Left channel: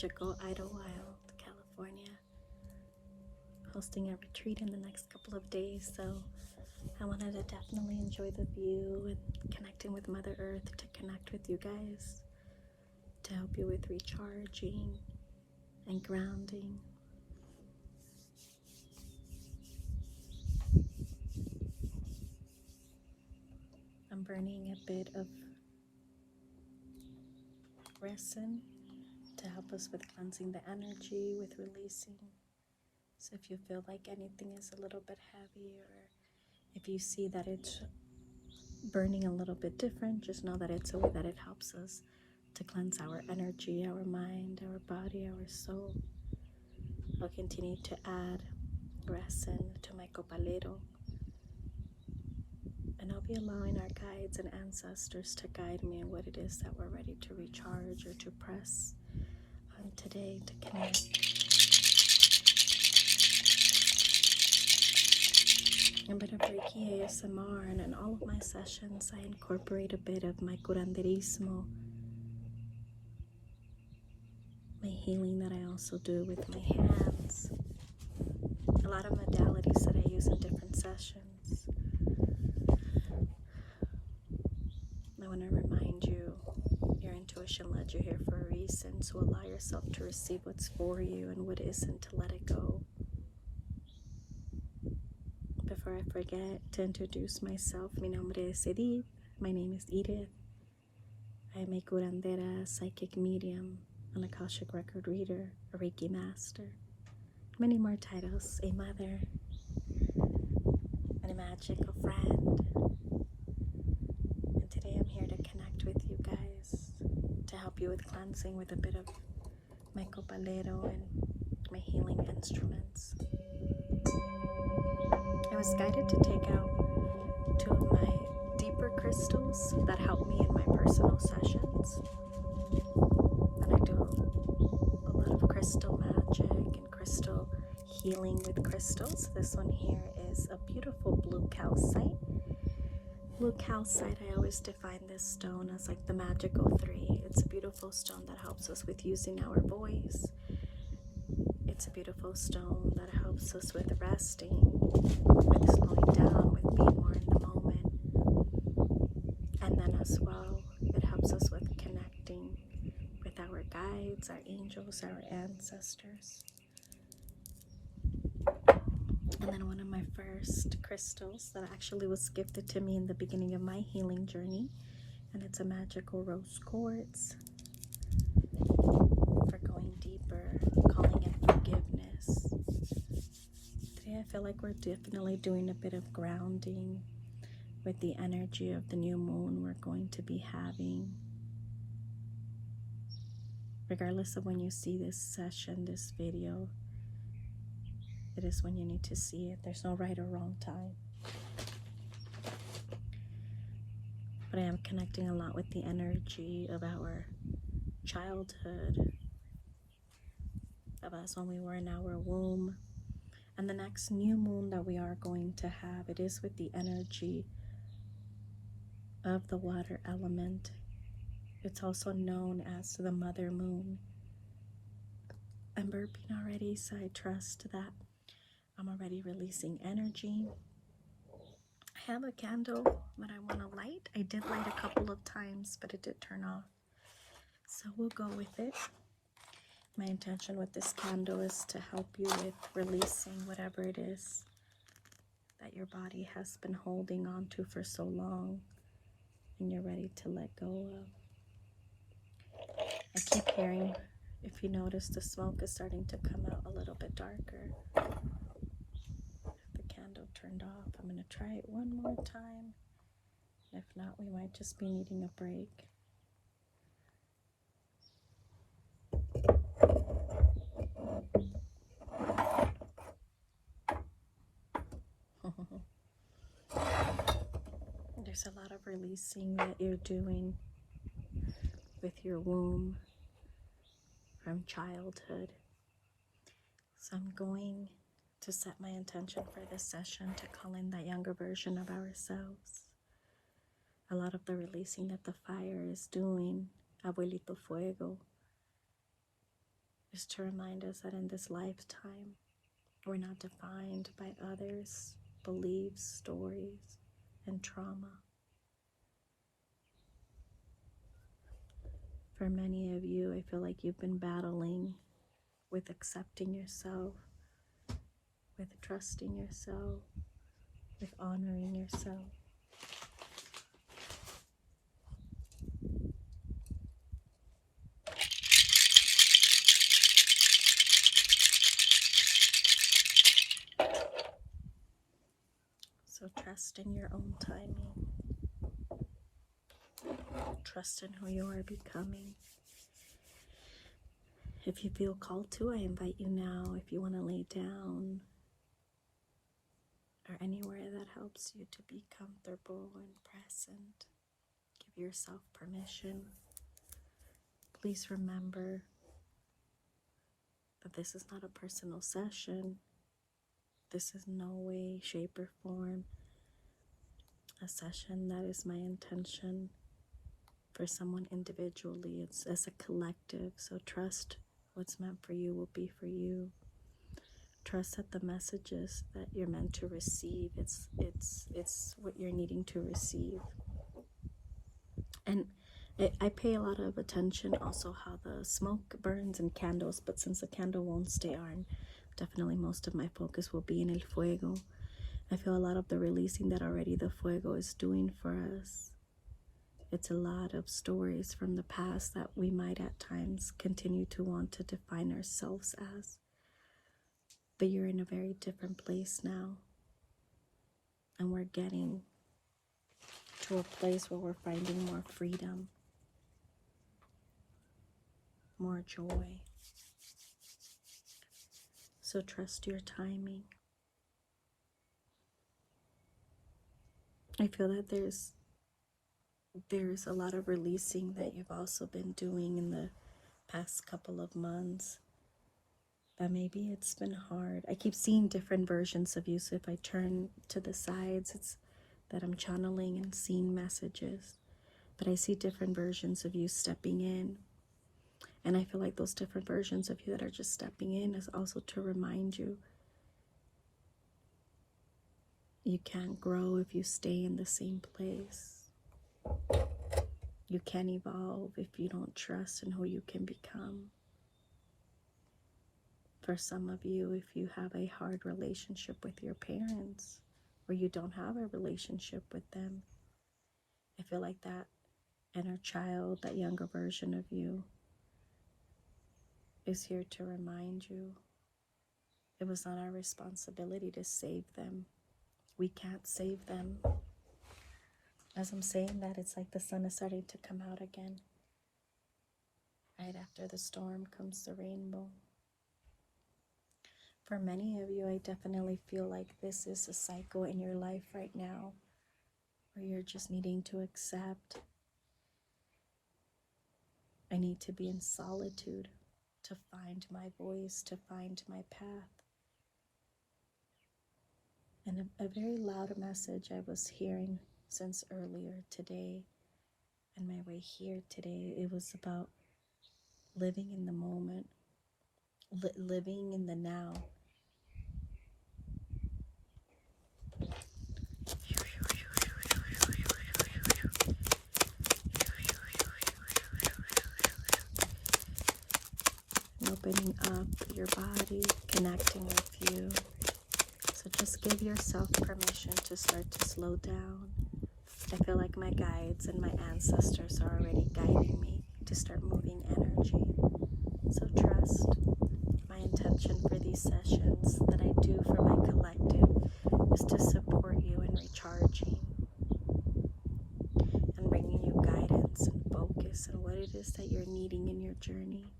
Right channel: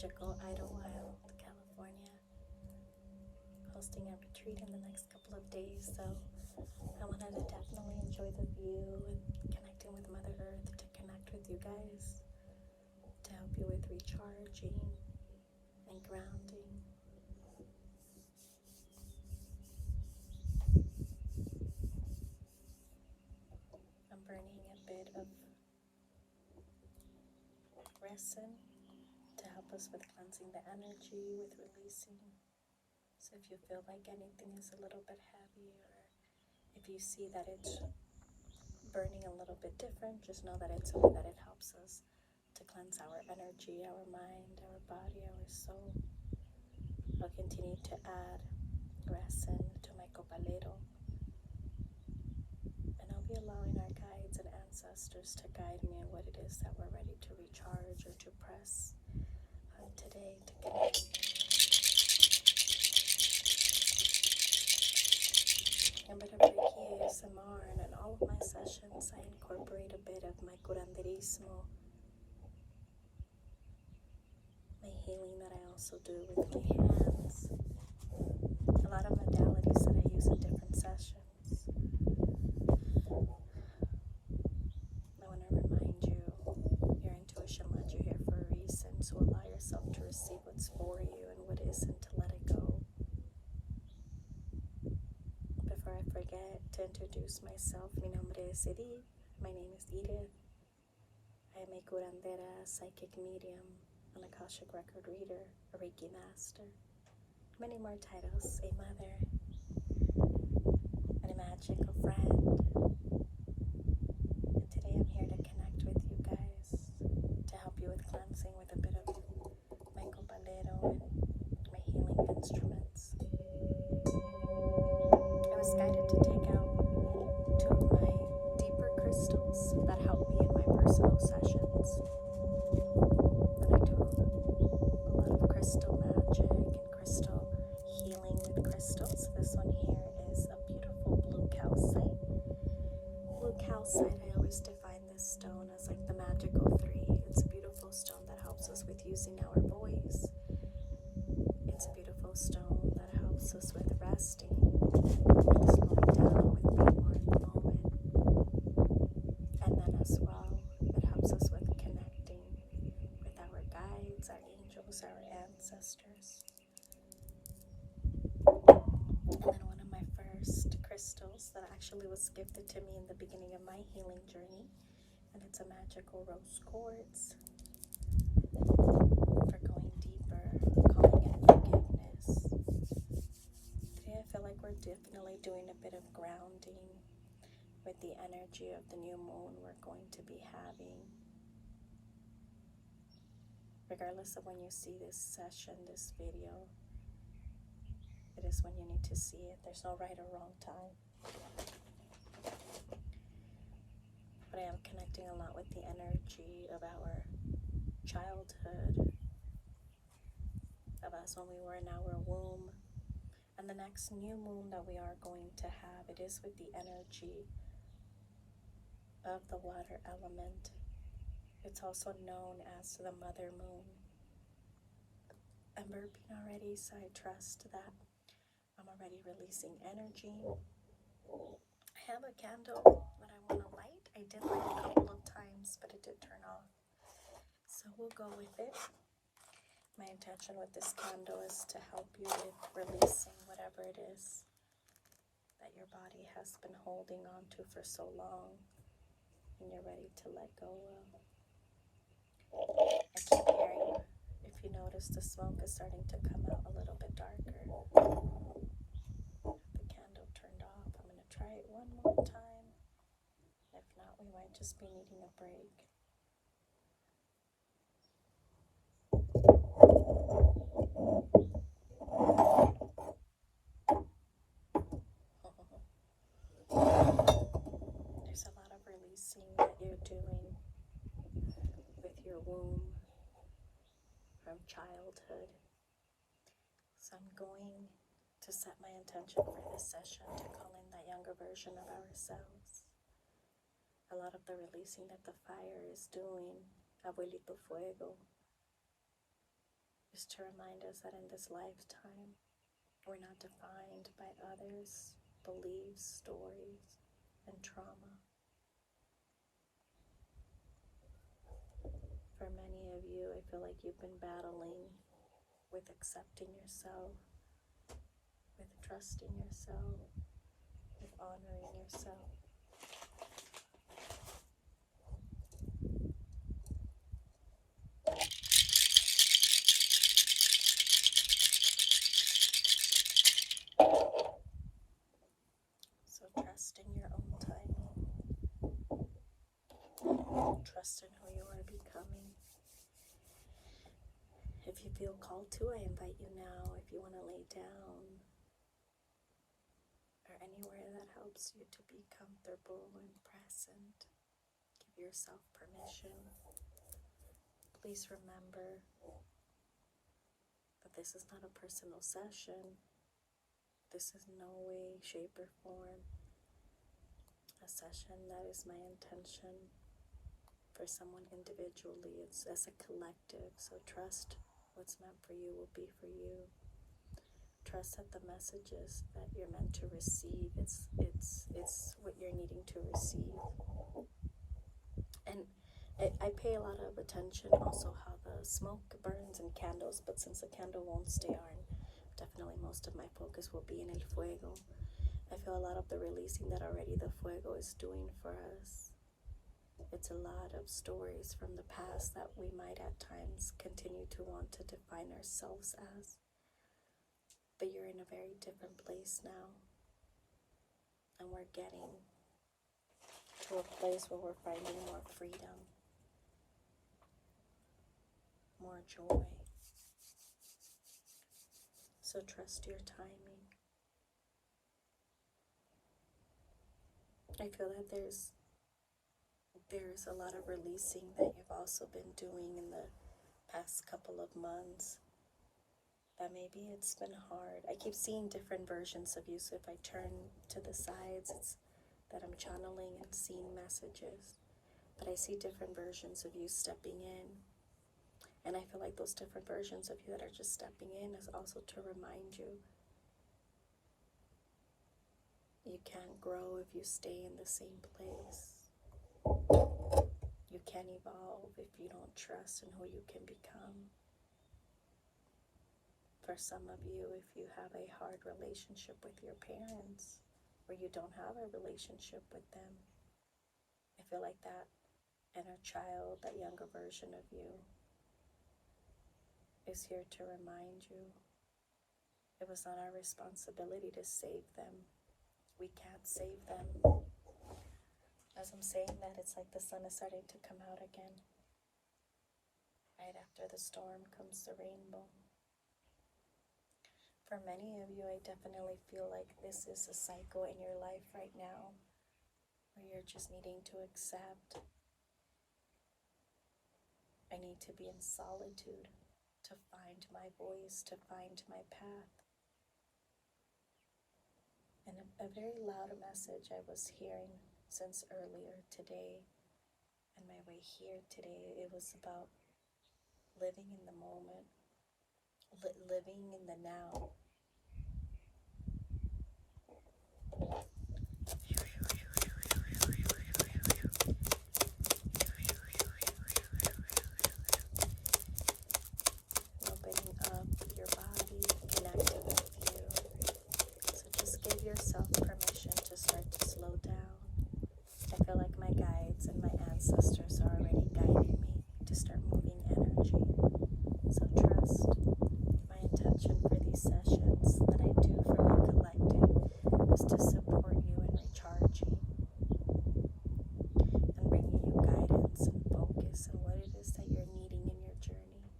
magical Idlewild, California, hosting a retreat in the next couple of days. So I wanted to definitely enjoy the view and connecting with Mother Earth, to connect with you guys, to help you with recharging and grounding. I'm burning a bit of resin to help us with cleansing the energy, with releasing. So if you feel like anything is a little bit heavy, or if you see that it's burning a little bit different, just know that it's a way that it helps us to cleanse our energy, our mind, our body, our soul. I'll continue to add resin to my copalero, and I'll be allowing our guides and ancestors to guide me in what it is that we're ready to recharge or to press on today, to connect. A bit of Reiki ASMR, and in all of my sessions I incorporate a bit of my curanderismo, my healing that I also do with my hands, a lot of modalities that I use in different sessions. I want to remind you, your intuition led you here for a reason, so allow yourself to receive what's for you, and what isn't, to let it go. Before I forget to introduce myself, mi nombre es Edith. My name is Edith. I am a curandera, psychic medium, an Akashic record reader, a Reiki master, many more titles, a mother, and a magical friend. And today I'm here to connect with you guys, to help you with cleansing with a bit of my copalero and my healing instruments. I was guided to take out two of my deeper crystals that help me in my personal sessions. And I do a lot of crystal magic and crystal healing with crystals. This one here is a beautiful blue calcite. Blue calcite, I always define this stone as like the magical three. It's a beautiful stone that helps us with using our voice. It's a beautiful stone that helps us with resting, with slowing down, with being more in the moment. And then as well, it helps us with connecting with our guides, our angels, our ancestors. And then one of my first crystals that actually was gifted to me in the beginning of my healing journey, and it's a magical rose quartz for going deeper, calling in forgiveness. Today I feel like we're definitely doing a bit of grounding with the energy of the new moon we're going to be having. Regardless of when you see this session, this video, it is when you need to see it. There's no right or wrong time. But I am connecting a lot with the energy of our childhood, of us when we were in our womb. And the next new moon that we are going to have, it is with the energy of the water element. It's also known as the mother moon. I'm burping already, so I trust that I'm already releasing energy. I have a candle that I want to light. I did light a couple of times, but it did turn off. So we'll go with it. My intention with this candle is to help you with releasing whatever it is that your body has been holding on to for so long and you're ready to let go of. I keep hearing, if you notice, the smoke is starting to come out a little bit darker. The candle turned off. I'm going to try it one more time. If not, we might just be needing a break. There's a lot of releasing that you're doing with your womb from childhood. So I'm going to set my intention for this session to call in that younger version of ourselves. A lot of the releasing that the fire is doing, Abuelito Fuego, just to remind us that in this lifetime, we're not defined by others' beliefs, stories, and trauma. For many of you, I feel like you've been battling with accepting yourself, with trusting yourself, with honoring yourself. So trust in your own timing. Trust in who you are becoming. If you feel called to, I invite you now, if you want to lay down or anywhere that helps you to be comfortable and present, give yourself permission. Please remember that this is not a personal session. This is no way, shape, or form a session that is my intention for someone individually. It's as a collective. So trust what's meant for you will be for you. Trust that the messages that you're meant to receive, it's what you're needing to receive. And I pay a lot of attention also how the smoke burns in candles, but since the candle won't stay on, definitely most of my focus will be in el fuego. I feel a lot of the releasing that already the fuego is doing for us. It's a lot of stories from the past that we might at times continue to want to define ourselves as. But you're in a very different place now. And we're getting to a place where we're finding more freedom, more joy. So trust your timing. I feel that there's a lot of releasing that you've also been doing in the past couple of months. That maybe it's been hard. I keep seeing different versions of you, so if I turn to the sides, it's that I'm channeling and seeing messages. But I see different versions of you stepping in. And I feel like those different versions of you that are just stepping in is also to remind you you can't grow if you stay in the same place. You can't evolve if you don't trust in who you can become. For some of you, if you have a hard relationship with your parents, or you don't have a relationship with them, I feel like that inner child, that younger version of you, is here to remind you it was not our responsibility to save them. We can't save them. As I'm saying that, it's like the sun is starting to come out again. Right after the storm comes the rainbow. For many of you, I definitely feel like this is a cycle in your life right now where you're just needing to accept. I need to be in solitude to find my voice, to find my path. And a very loud message I was hearing since earlier today, and my way here today, it was about living in the moment, living in the now. Opening up your body, connecting with you. So just give yourself permission to start to slow down. I feel like my guides and my ancestors are already guiding me to start moving energy. So trust. My intention for these sessions that I do for my collective is to support you in recharging and bringing you guidance and focus on what it is that you're needing in your journey.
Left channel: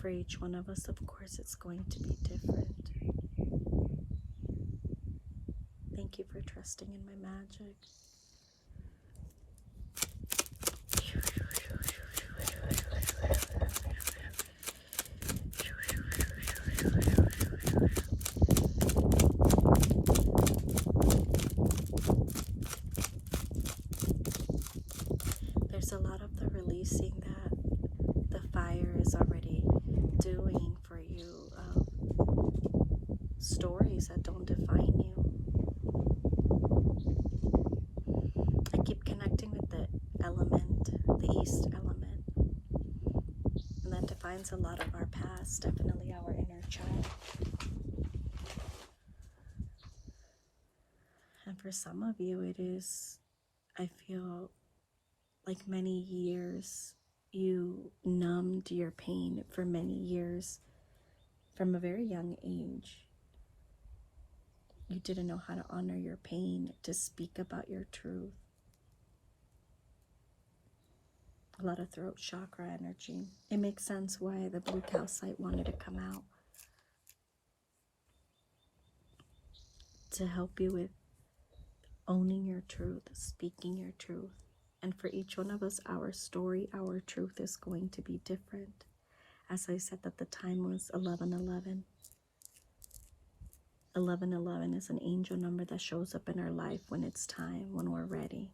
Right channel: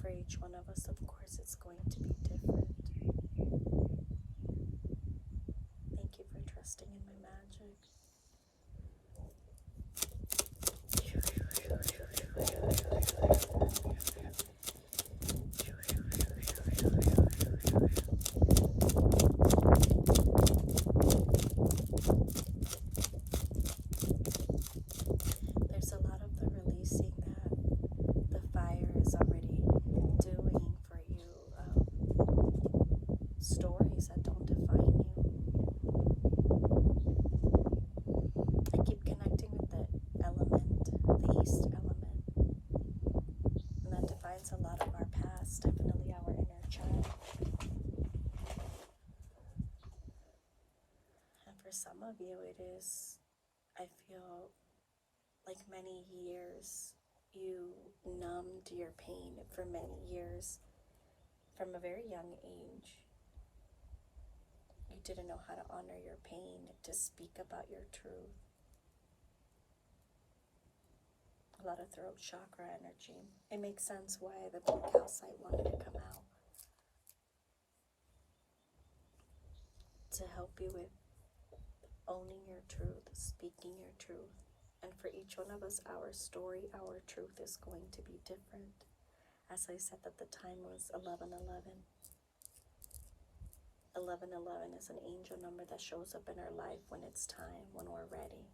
For each one of us, of course, it's going to be different. Thank you for trusting in my magic. There's a lot of the releasing that the fire is already undoing for you of stories that don't define you. I keep connecting with the element, the East element, and that defines a lot of our past, definitely our inner child. And for some of you, it is, I feel like many years, you numbed your pain for many years from a very young age. You didn't know how to honor your pain, to speak about your truth. A lot of throat chakra energy. It makes sense why the blue calcite wanted to come out, to help you with owning your truth, speaking your truth. And for each one of us, our story, our truth is going to be different. As I said, that the time was 1111. 1111 is an angel number that shows up in our life when it's time, when we're ready,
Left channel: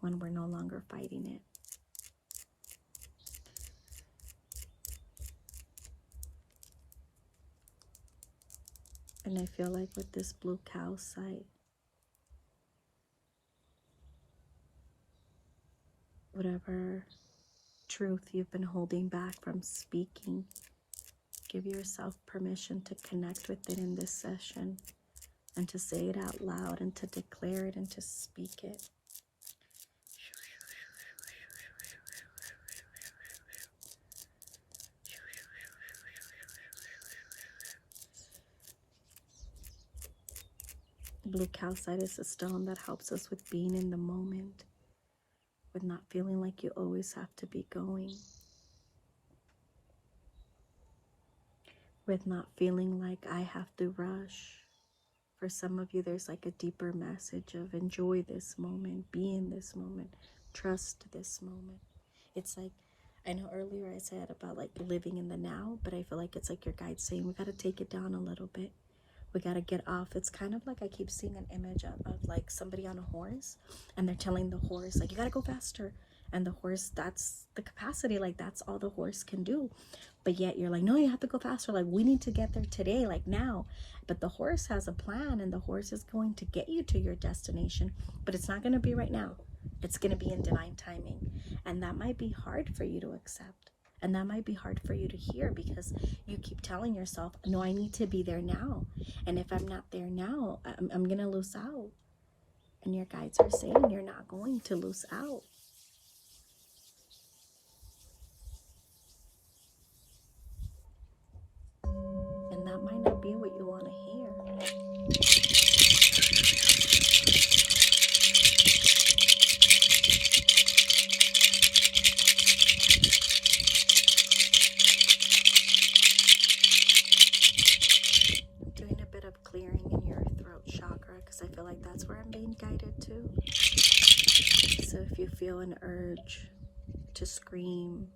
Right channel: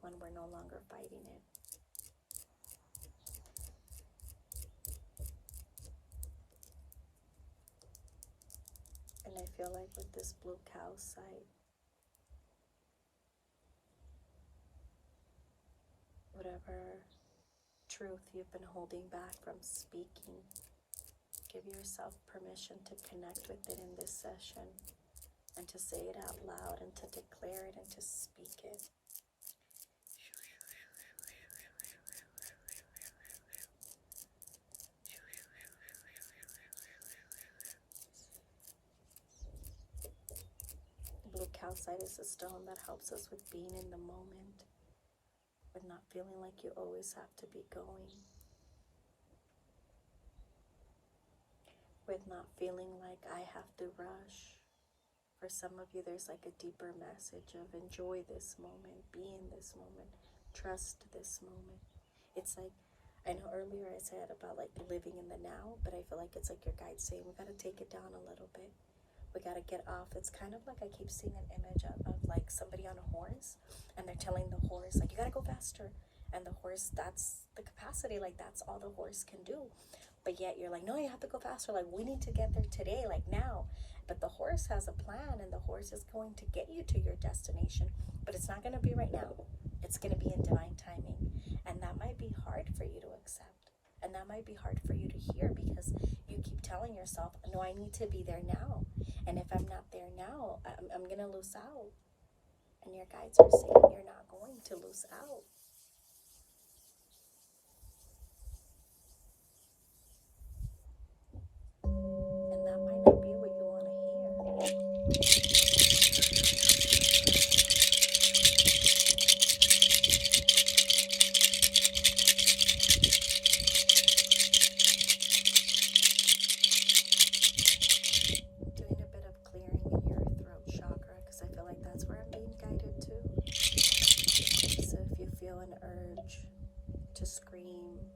when we're no longer fighting it. And I feel like with this blue calcite, whatever truth you've been holding back from speaking, give yourself permission to connect with it in this session and to say it out loud and to declare it and to speak it. Blue calcite is a stone that helps us with being in the moment, with not feeling like you always have to be going, with not feeling like I have to rush. For some of you, there's like a deeper message of enjoy this moment, be in this moment, trust this moment. It's like, I know earlier I said about like living in the now, but I feel like it's like your guide saying we got to take it down a little bit. We got to get off. It's kind of like I keep seeing an image of like somebody on a horse, and they're telling the horse like, you got to go faster. And the horse, that's the capacity, like that's all the horse can do. But yet you're like, no, you have to go faster. Like we need to get there today, like now. But the horse has a plan, and the horse is going to get you to your destination, but it's not going to be right now. It's going to be in divine timing. And that might be hard for you to accept. And that might be hard for you to hear because you keep telling yourself, no, I need to be there now. And if I'm not there now, I'm going to lose out. And your guides are saying you're not going to lose out. And that might not be what you want to hear. Doing a bit of clearing in your throat chakra because I feel like that's where I'm being guided to. So if you feel an urge to scream,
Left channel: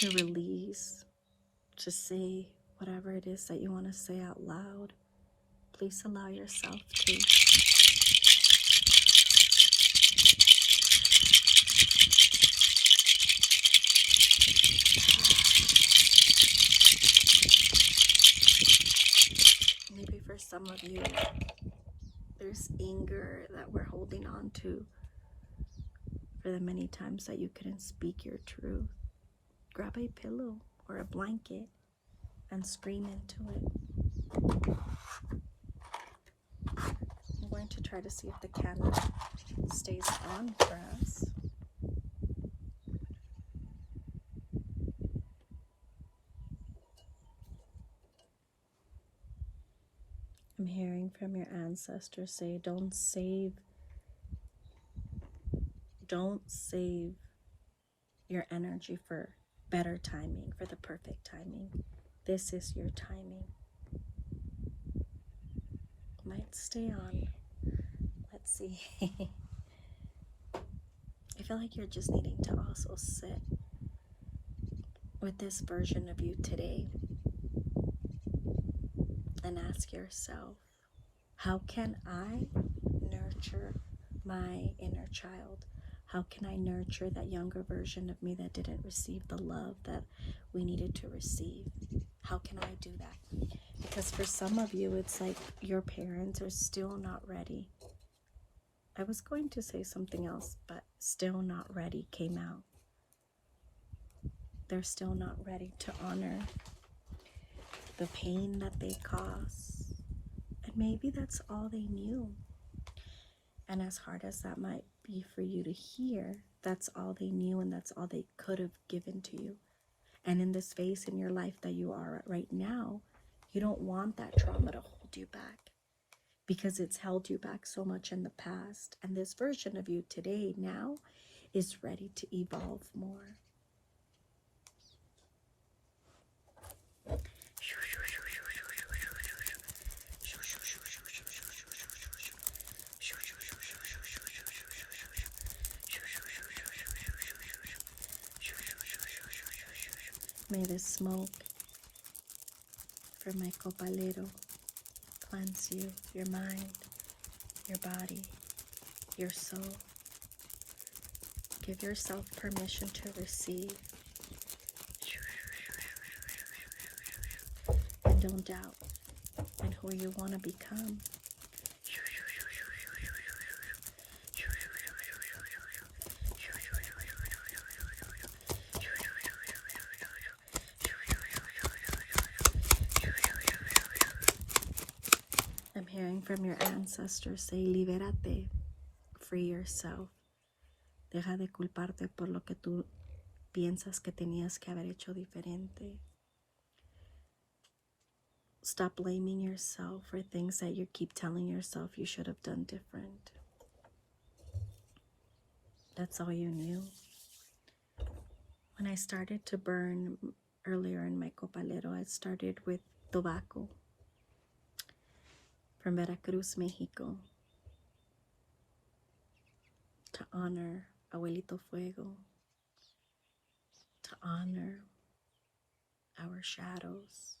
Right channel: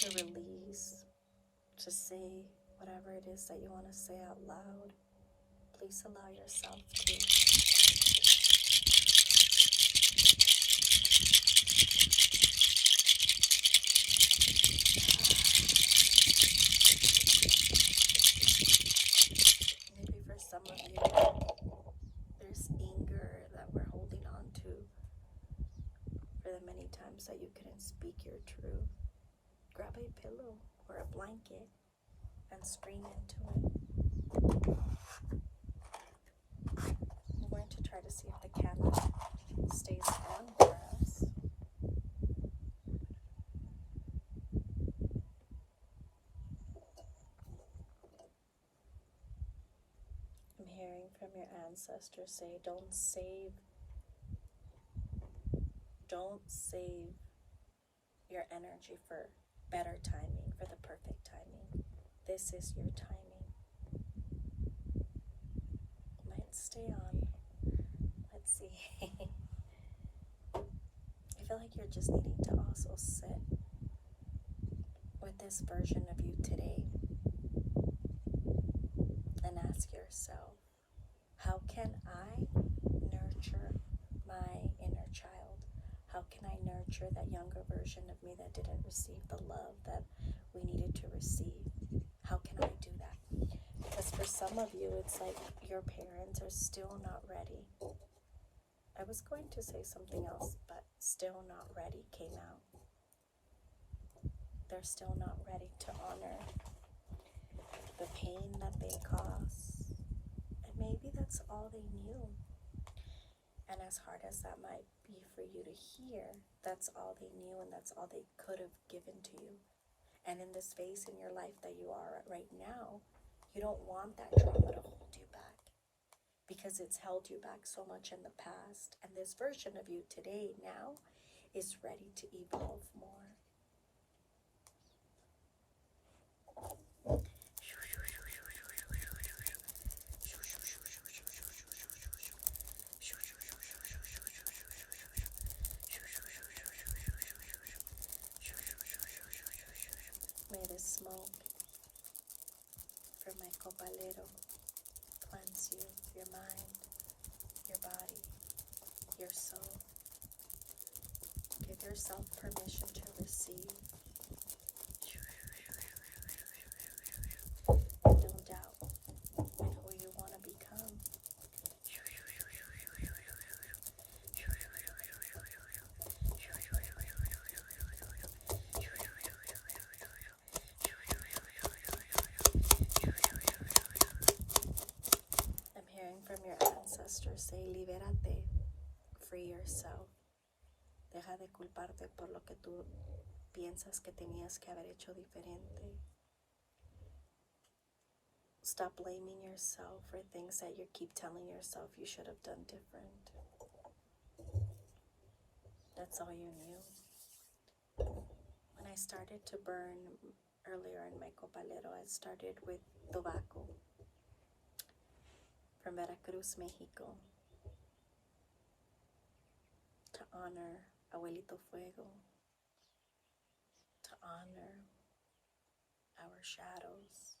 to release, to say whatever it is that you want to say out loud, please allow yourself to. Maybe for some of you, there's anger that we're holding on to for the many times that you couldn't speak your truth. Grab a pillow or a blanket and scream into it. I'm going to try to see if the camera stays on for us. I'm hearing from your ancestors say, don't save your energy for better timing, for the perfect timing. This is your timing. Might stay on. Let's see. I feel like you're just needing to also sit with this version of you today and ask yourself, how can I nurture my inner child? How can I nurture that younger version of me that didn't receive the love that we needed to receive? How can I do that? Because for some of you, it's like your parents are still not ready. I was going to say something else, but still not ready came out. They're still not ready to honor the pain that they cause. And maybe that's all they knew. And as hard as that might be for you to hear, that's all they knew and that's all they could have given to you. And in this phase in your life that you are at right now, you don't want that trauma to hold you back because it's held you back so much in the past. And this version of you today now is ready to evolve more. May the smoke from my copalero cleanse you, your mind, your body, your soul. Give yourself permission to receive. And don't doubt in who you want to become. I'm hearing from your ancestors say, libérate, free yourself. Deja de culparte por lo que tú piensas que tenías que haber hecho diferente. Stop blaming yourself for things that you keep telling yourself you should have done different. That's all you knew. When I started to burn earlier in my copalero, I started with tobacco from Veracruz, Mexico, to honor Abuelito Fuego, to honor our shadows,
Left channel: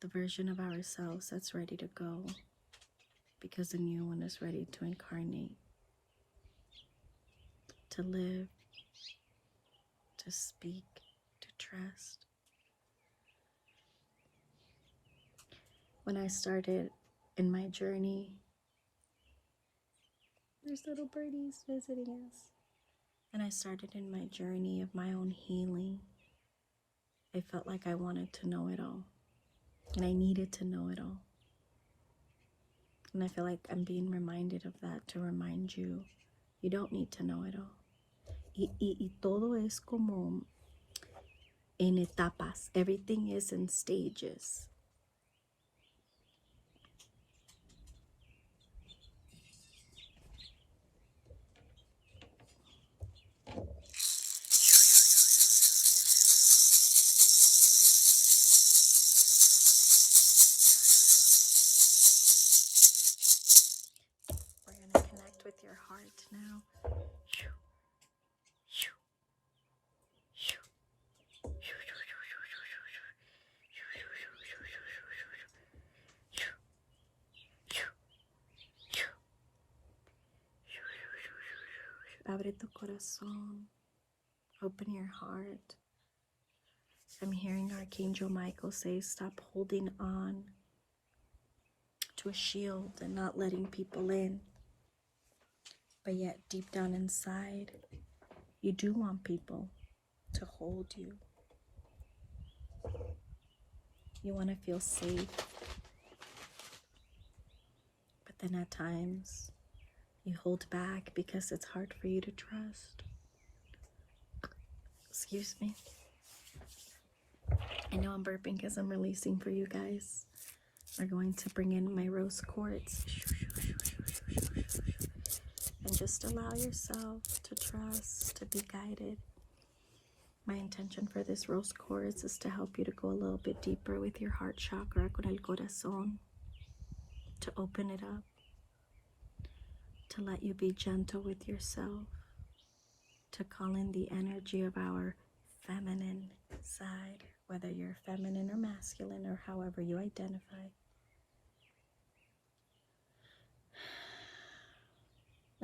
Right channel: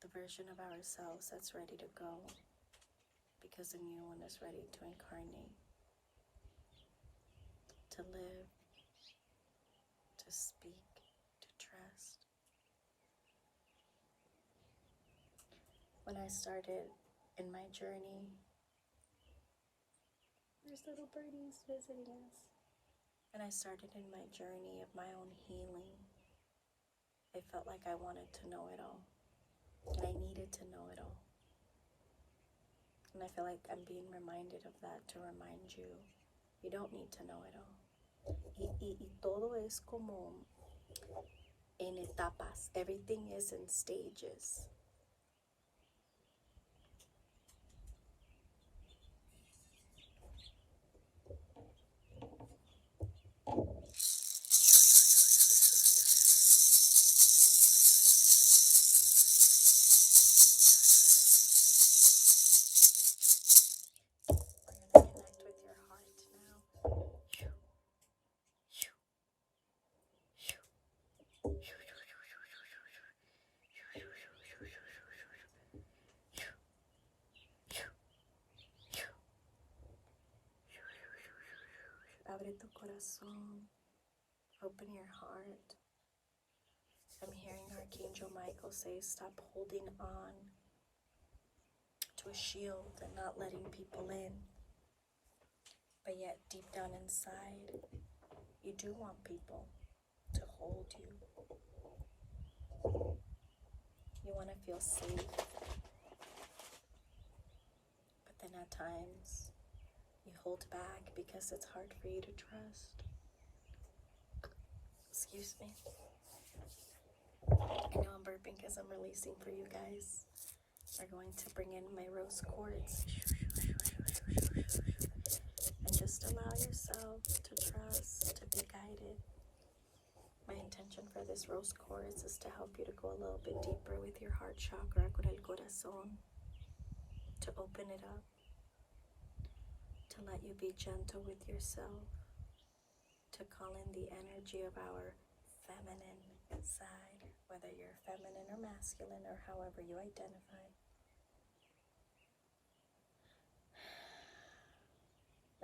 the version of ourselves that's ready to go because the new one is ready to incarnate, to live, to speak, to trust. When I started in my journey, there's little birdies visiting us. And I started in my journey of my own healing. I felt like I wanted to know it all. And I needed to know it all. And I feel like I'm being reminded of that to remind you, you don't need to know it all. Y todo es como en etapas. Everything is in stages. We're going to connect with your heart now. Abre tu corazón. Open your heart. I'm hearing Archangel Michael say, stop holding on to a shield and not letting people in. But yet, deep down inside, you do want people to hold you. You want to feel safe. But then at times, you hold back because it's hard for you to trust. Excuse me. I know I'm burping because I'm releasing for you guys. We're going to bring in my rose quartz. And just allow yourself to trust, to be guided. My intention for this rose quartz is to help you to go a little bit deeper with your heart chakra, con el corazón, to open it up, to let you be gentle with yourself, to call in the energy of our feminine side, whether you're feminine or masculine or however you identify.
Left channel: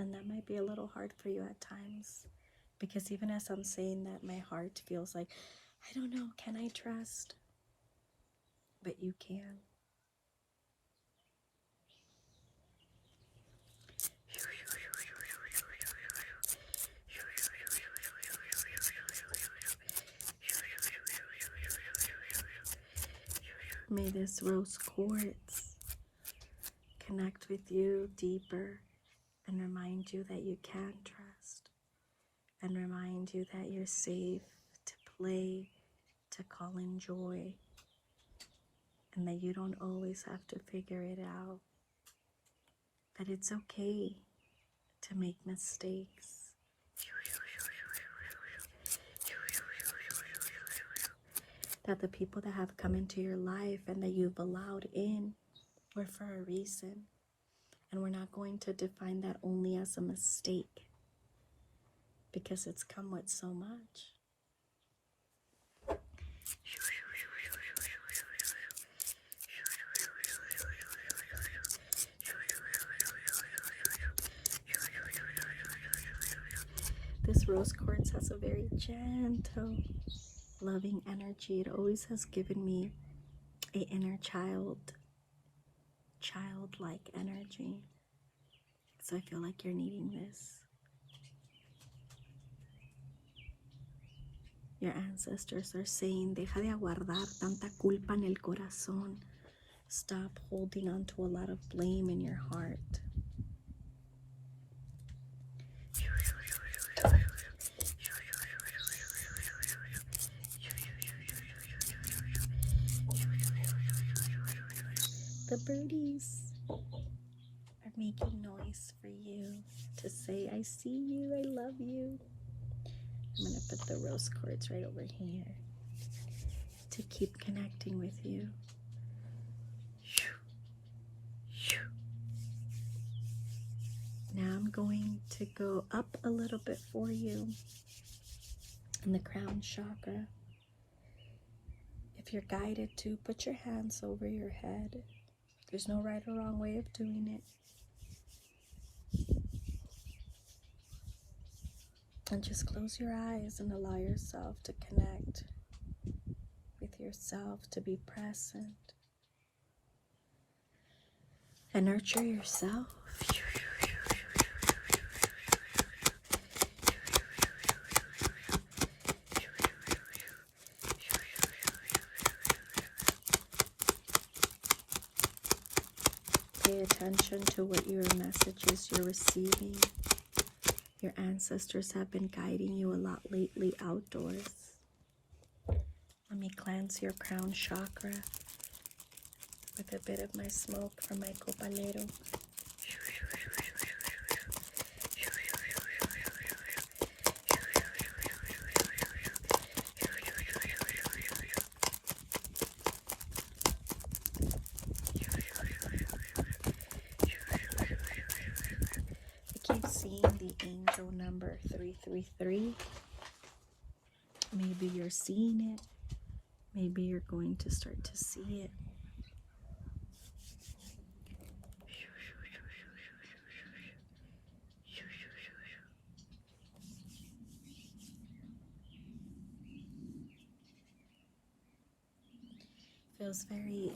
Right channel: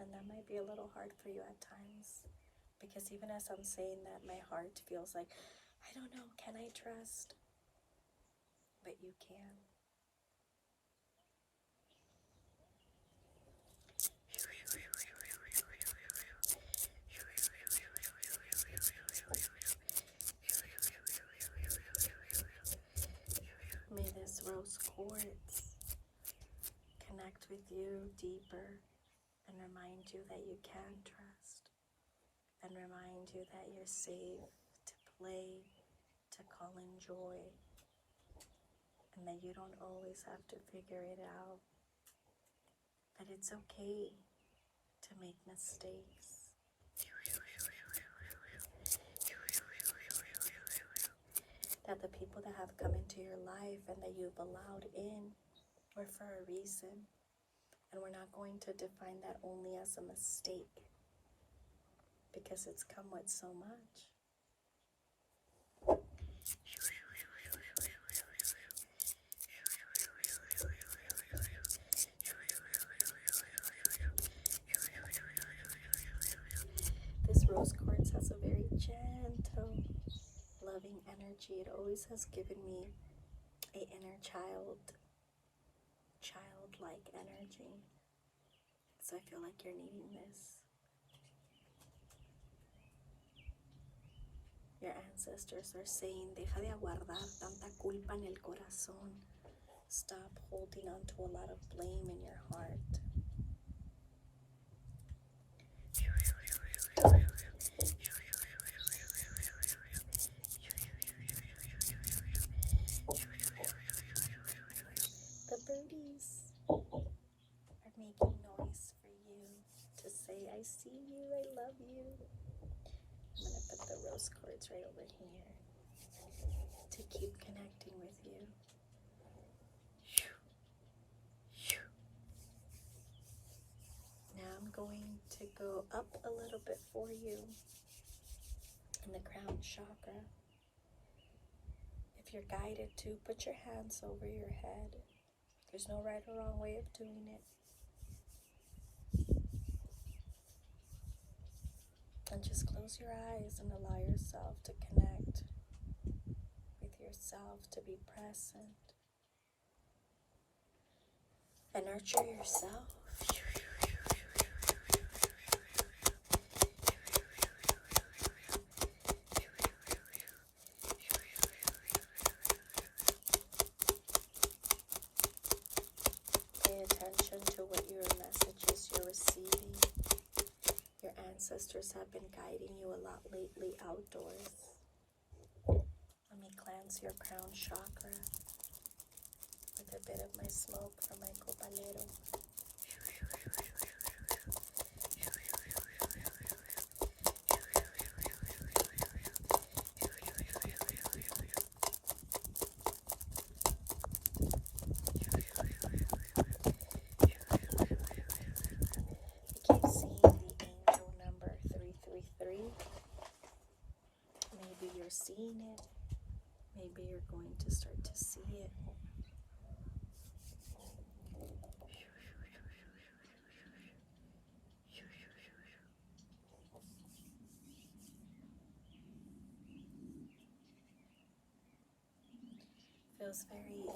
And that might be a little hard for you at times, because even as I'm saying that, my heart feels like, I don't know, can I trust? But you can. May this rose quartz connect with you deeper and remind you that you can trust, and remind you that you're safe to play, to call in joy, and that you don't always have to figure it out, that it's okay to make mistakes. That the people that have come into your life and that you've allowed in were for a reason. And we're not going to define that only as a mistake, because it's come with so much. This rose quartz has a very gentle, loving energy. It always has given me an inner childlike energy. So I feel like you're needing this. Your ancestors are saying, deja de aguardar tanta culpa en el corazón. Stop holding on to a lot of blame in your heart. The birdies are making noise for you to say, I see you, I love you. I'm going to put the rose quartz right over here to keep connecting with you. Now I'm going to go up a little bit for you in the crown chakra. If you're guided to, put your hands over your head. There's no right or wrong way of doing it. And just close your eyes and allow yourself to connect with yourself, to be present. And nurture yourself. Pay attention to what your messages you're receiving. Your ancestors have been guiding you a lot lately outdoors. Let me cleanse your crown chakra with a bit of my smoke from my copalero. I keep seeing the angel number 333. Maybe you're seeing it. Maybe you're going to start to see it. Feels very,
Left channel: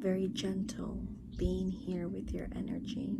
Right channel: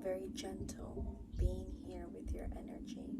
very gentle being here with your energy.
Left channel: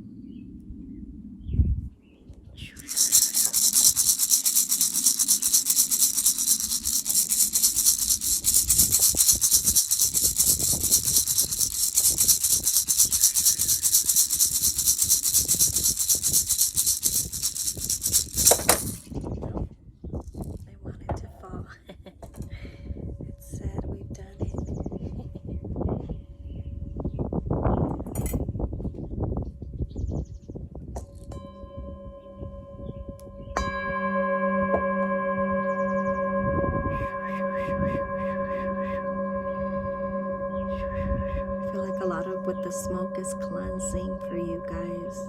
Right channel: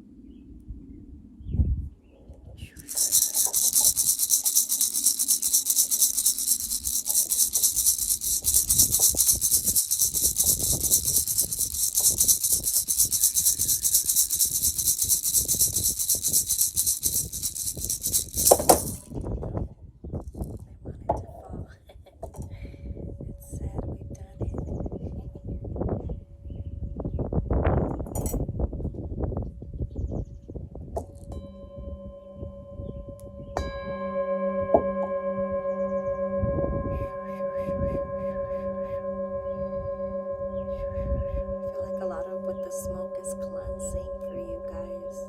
A lot of what the smoke is cleansing for you guys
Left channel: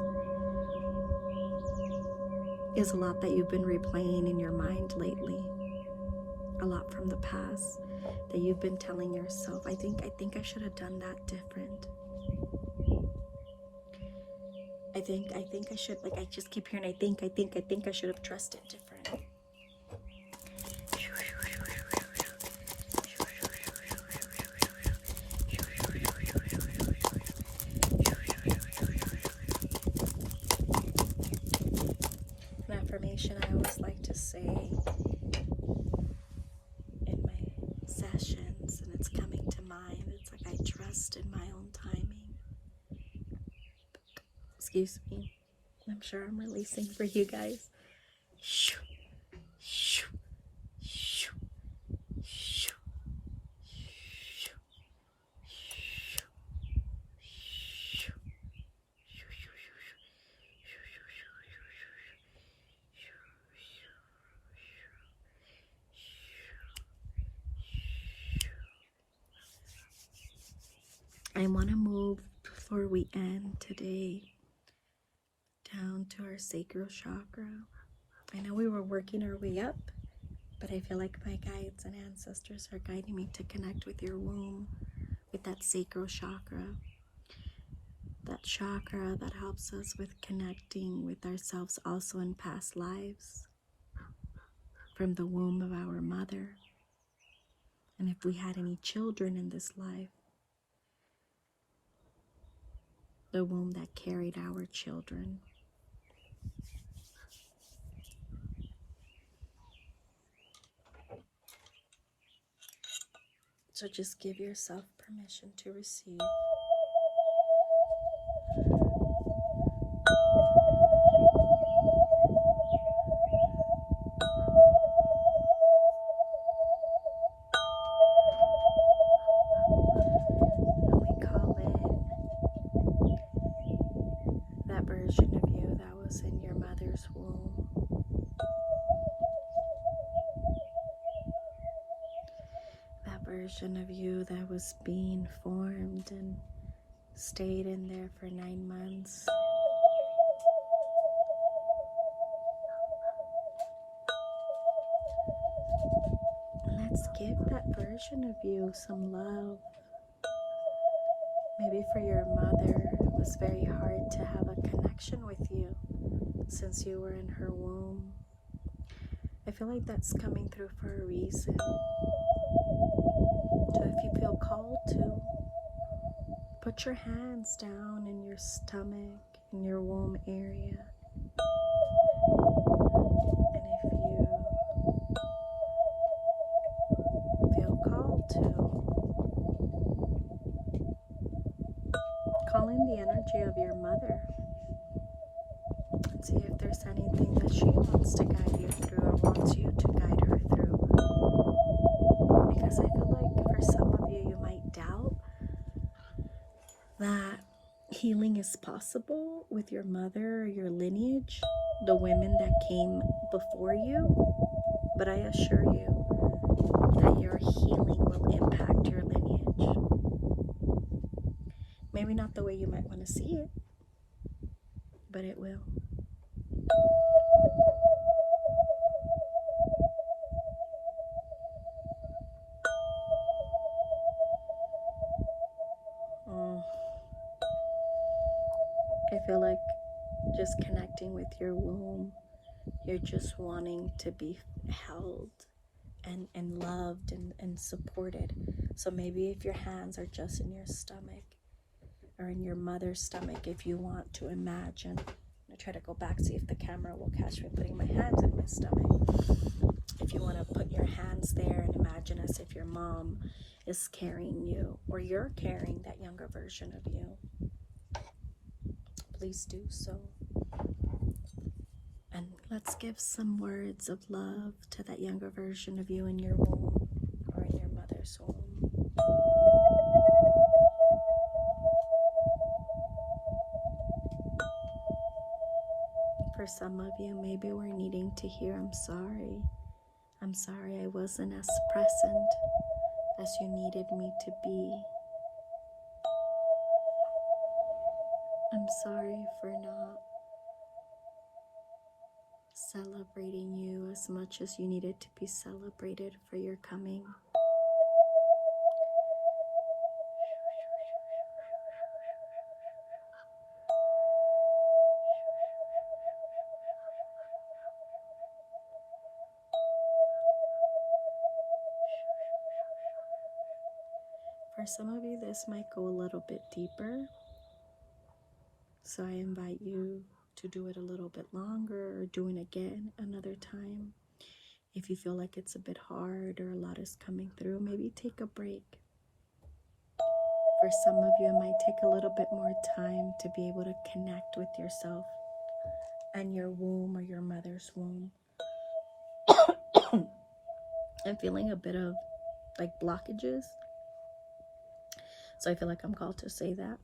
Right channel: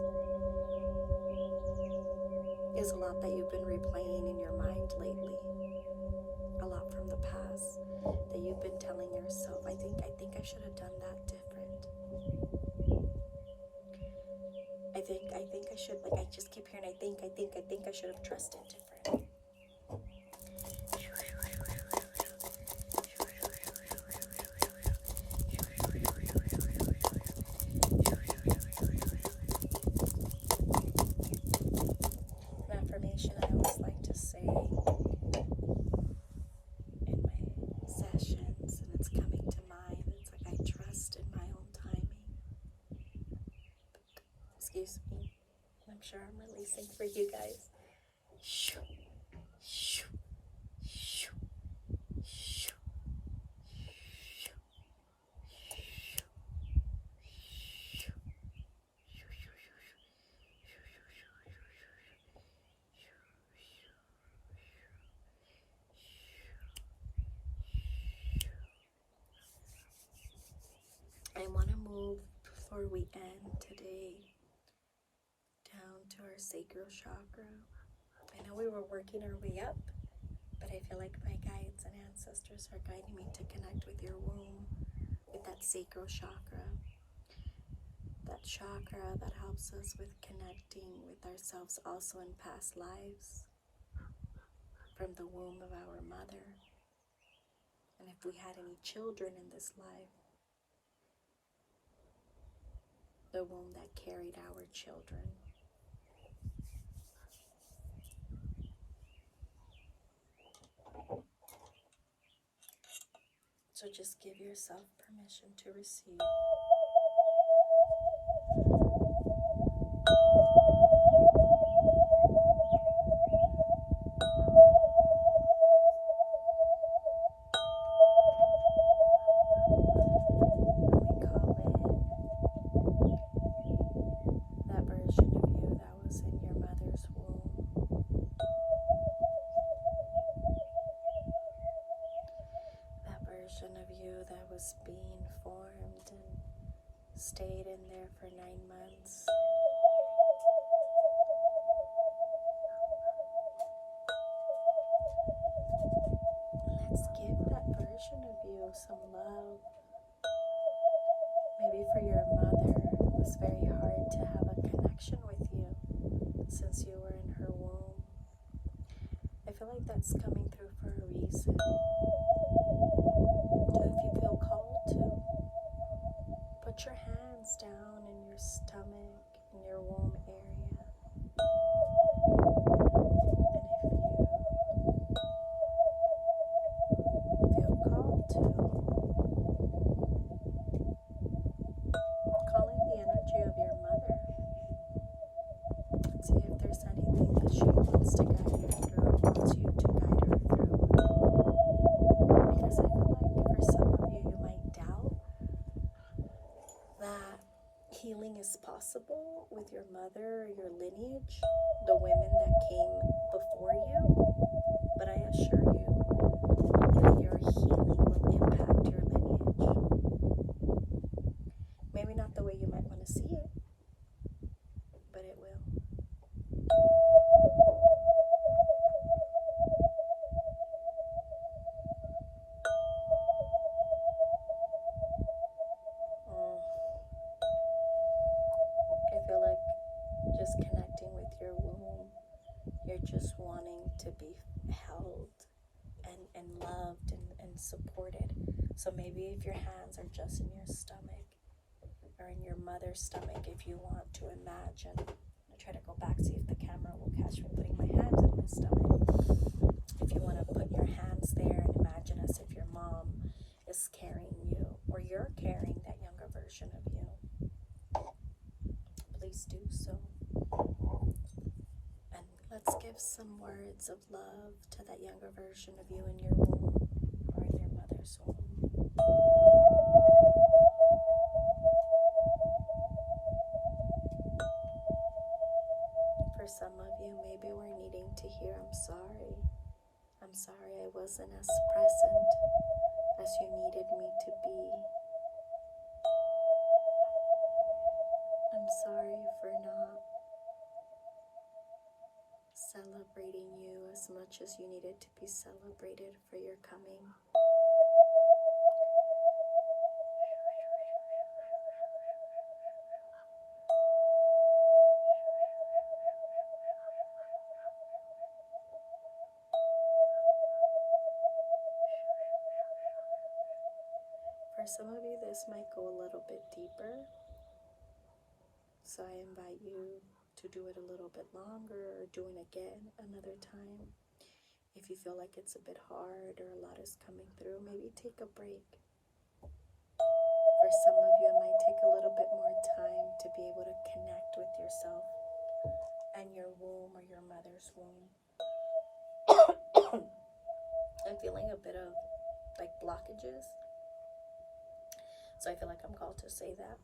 is a lot that you've been replaying in your mind lately. A lot from the past that you've been telling yourself, I think I should have done that different. I think I should, like, I just keep hearing I think I should have trusted different. An affirmation I always like to say in my sessions, and it's coming to mind. It's like I trust in my own timing. Excuse me. I'm sure I'm releasing for you guys. I want to move before we end today down to our sacral chakra. I know we were working our way up, but I feel like my guides and ancestors are guiding me to connect with your womb, with that sacral chakra. That chakra that helps us with connecting with ourselves also in past lives, from the womb of our mother. And if we had any children in this life, the womb that carried our children. So just give yourself permission to receive. And we call in that version of you that was in your mother's womb. That version of you that was being formed and stayed in there for 9 months. Let's give that version of you some love. Maybe for your mother, it was very hard to have a connection with you since you were in her womb. I feel like that's coming through for a reason. So if you feel called to, put your hands down in your stomach, in your womb area. And if you feel called to, call in the energy of your mother and see if there's anything that she wants to guide you through or wants you to guide her through. Because I feel like for some of you, you might doubt that healing is possible with your mother or your lineage, the women that came before you. But I assure you that your healing will impact your lineage. Maybe not the way you might want to see it, but it will. I feel like just connecting with your womb, you're just wanting to be held and loved and supported. So maybe if your hands are just in your stomach or in your mother's stomach, if you want to imagine, I try to go back, see if the camera will catch me putting my hands in my stomach. If you want to put your hands there and imagine as if your mom is carrying you or you're carrying that younger version of you, please do so. And let's give some words of love to that younger version of you in your womb or in your mother's womb. For some of you, maybe we're needing to hear, I'm sorry. I'm sorry I wasn't as present as you needed me to be. I'm sorry for not celebrating you as much as you needed to be celebrated for your coming. For some of you, this might go a little bit deeper. So I invite you to do it a little bit longer or do it again another time. If you feel like it's a bit hard or a lot is coming through, maybe take a break. For some of you, it might take a little bit more time to be able to connect with yourself and your womb or your mother's womb. I'm feeling a bit of like blockages. So I feel like I'm called to say that.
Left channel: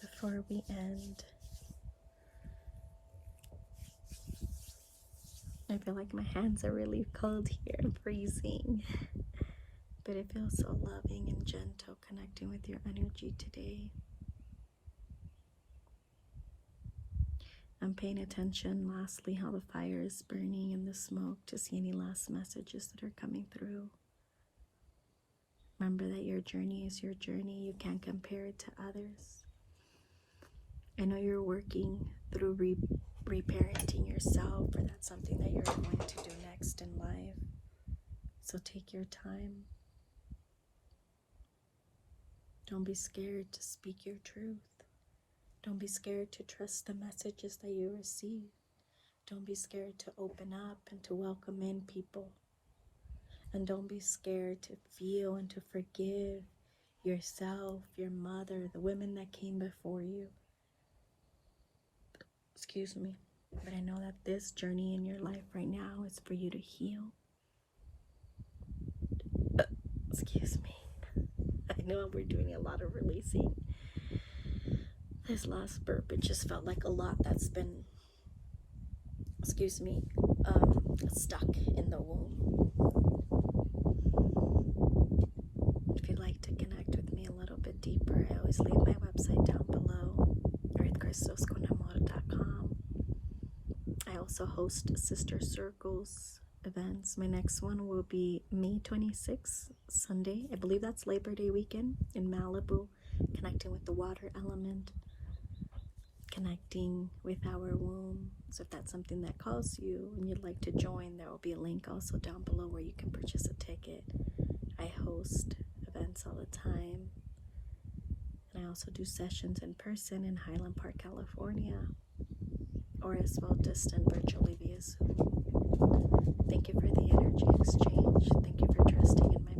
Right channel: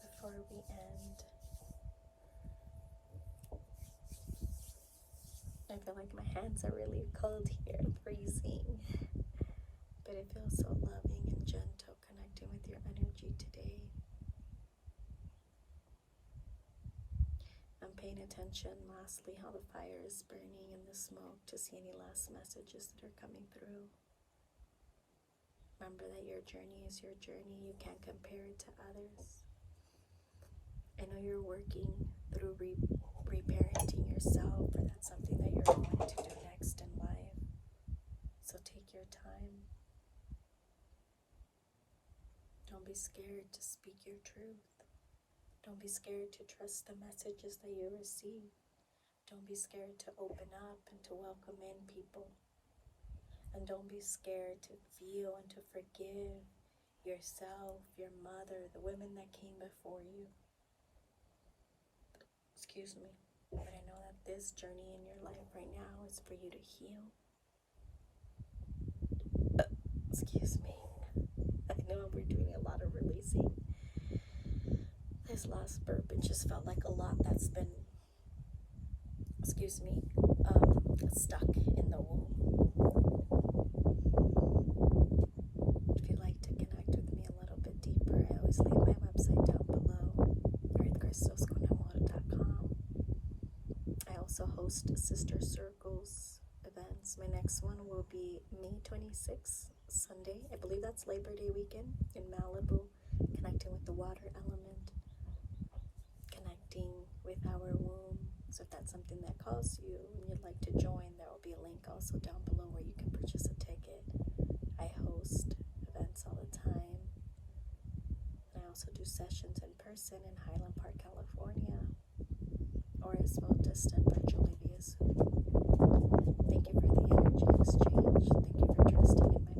Before we end, I feel like my hands are really cold here. I'm freezing. But it feels so loving and gentle connecting with your energy today. I'm paying attention, lastly, how the fire is burning in the smoke to see any last messages that are coming through. Remember that your journey is your journey. You can't compare it to others. I know you're working through reparenting yourself, or that's something that you're going to do next in life. So take your time. Don't be scared to speak your truth. Don't be scared to trust the messages that you receive. Don't be scared to open up and to welcome in people. And don't be scared to feel and to forgive yourself, your mother, the women that came before you. Excuse me. But I know that this journey in your life right now is for you to heal. Excuse me. I know we're doing a lot of releasing. This last burp, it just felt like a lot that's been, stuck in the womb. If you'd like to connect with me a little bit deeper, I always leave my website down below, earthcrystals.com. I also host Sister Circles events. My next one will be May 26th, Sunday. I believe that's Labor Day weekend in Malibu, connecting with the water element, connecting with our womb. So if that's something that calls you and you'd like to join, there will be a link also down below where you can purchase a ticket. I host events all the time. And I also do sessions in person in Highland Park, California, or as well distant virtually via Zoom. Thank you for the energy exchange. Thank you for trusting in my